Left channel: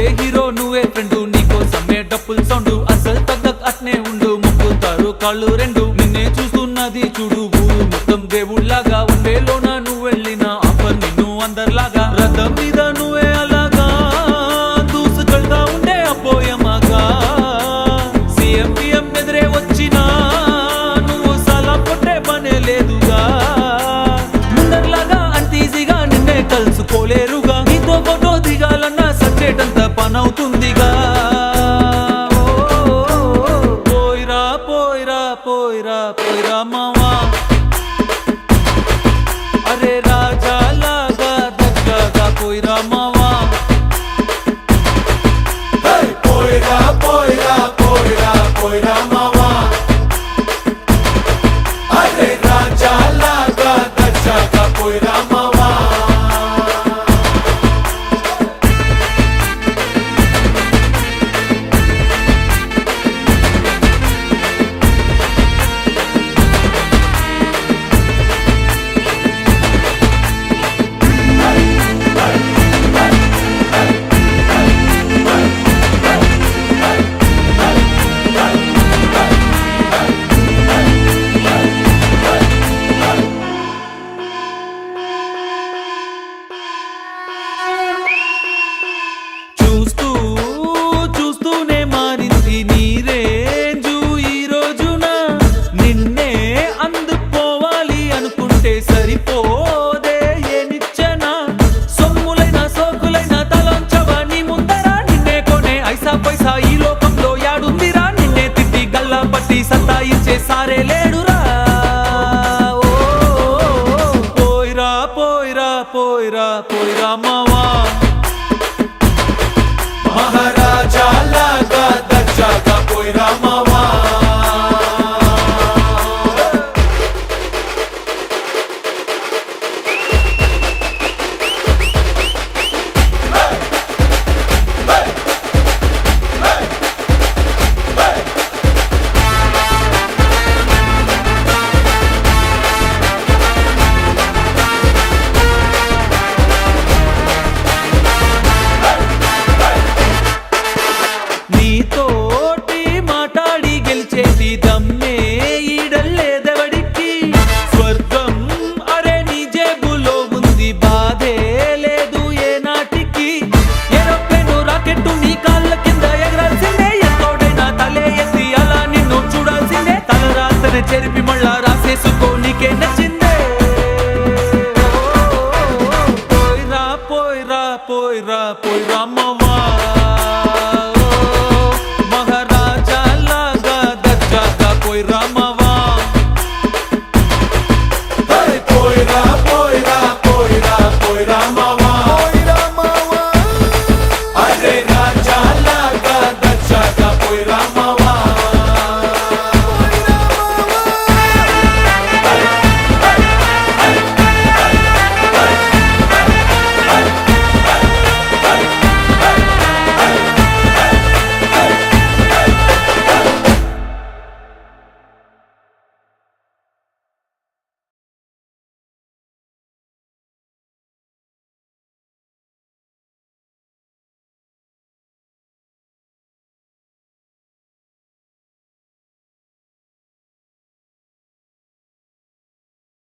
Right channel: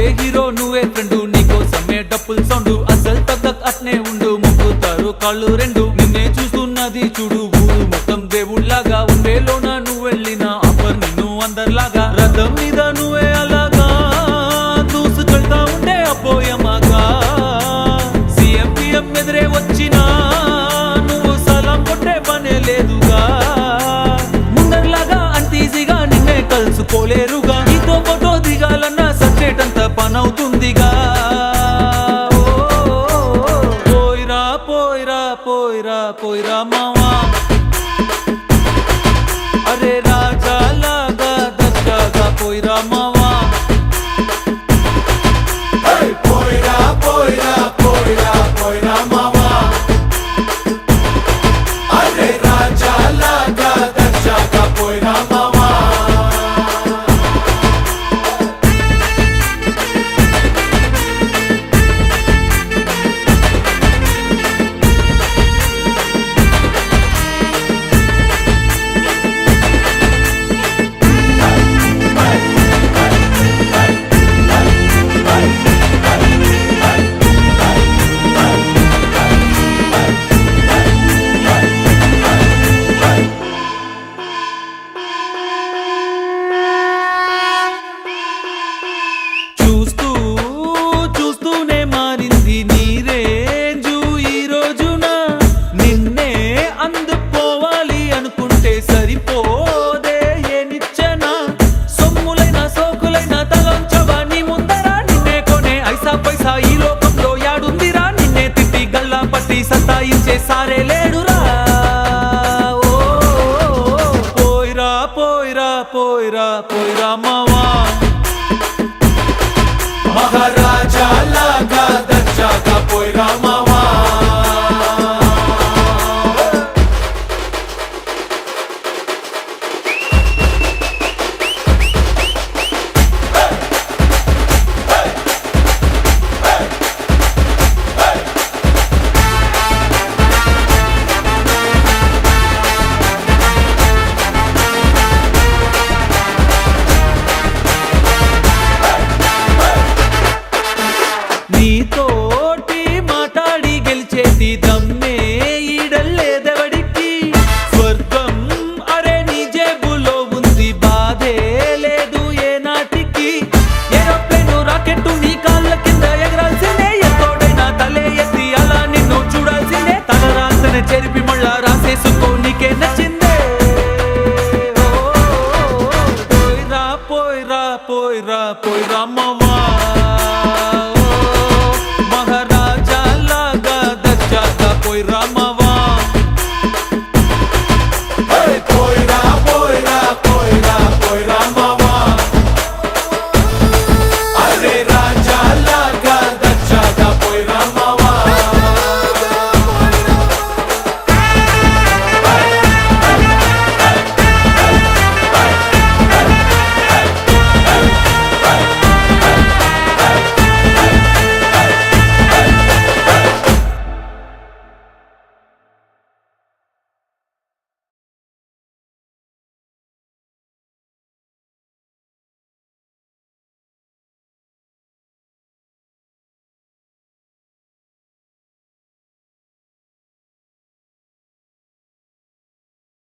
నువ్వంటే హీరో నువ్వే ఫ్రెండు నీకోసమే డప్పుల్ సౌండ్ అసలు తగ్గక్ అట్నే ఉండు ముక్కుతారు కాళ్ళు రెండు నిన్నే చూస్తున్నది చూడు ఊరు మొత్తం దేవుళ్లాగా వన్ వేలోన నువ్వు వెళ్ళిన ఆఫర్ నిన్ను అందరిలాగా రథం మీద నువ్వే అలాగా దూసుకెళ్తా ఉండే అపోయమాగా సీఎం పిఎం ఎదురే వచ్చినా నువ్వు సలాం కొట్టే పనే లేదుగా ముందర్లాగా అంత ఈజీగా నిన్నే కలుసుకోలేరుగా నీతో ఫోటో దిగాలన్నా సచ్చేటంత పనవుతుందిగా పోయిరా పోయిరా పోయిరా పోయిరా మావా అరే రాజా లాగా దర్జాగా పోయిరా మావా పోయిరా పోయిరా పోయిరా పోయిరా మావా అరే రాజా లాగా దర్జాగా పోయిరా మావా చూస్తూనే మారింది నీ రేంజు ఈ రోజున నిన్నే అందుకోవాలి అనుకుంటే సరిపోదే ఏ నిచ్చెన సొమ్ములైన సోకులైన తలంచవా నీ ముందరా నిన్నే కొనే ఐసా పైసా ఈ లోకంలో యాడుందిరా నిన్నే తిట్టి గల్లా పట్టి సతాయించే సారే లేడురా పోయిరా పోయిరా పోయిరా పోయిరా మావా మహారాజా లాగా దర్జాగా పోయిరా మావా నీతోటి మాట్లాడి గెలిచేటి దమ్మే ఈడల్లేదెవడికి స్వర్గం అరే నీ జేబులో ఉంది బాధే లేదు ఏ నాటికి ఏరోప్లేను రాకెట్టు నీ కాళ్ళ కింద ఎగరాల్సిందే ఎంతోడైనా తలే ఎత్తి అలా నిన్ను చూడాల్సిందే తలరాతనే చెరిపి మళ్ళా రాసేసుకో నీకే నచ్చిందే పోయిరా పోయిరా పోయిరా పోయిరా మావా మహారాజా లాగా దర్జాగా పోయిరా మావా